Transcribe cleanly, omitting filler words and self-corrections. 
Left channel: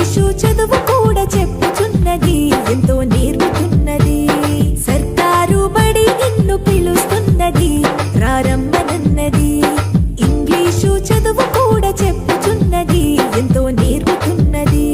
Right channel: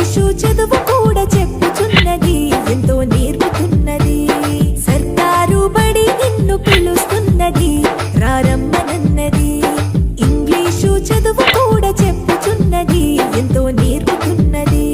English చదువు కూడా చెప్పుచున్నది, ఎంతో నేర్పుతున్నది. సర్కారు బడి నిన్ను పిలుస్తున్నది, రారమ్మనన్నది. ఇంగ్లీషు చదువు కూడా చెప్పుచున్నది, ఎంతో నేర్పుతున్నది.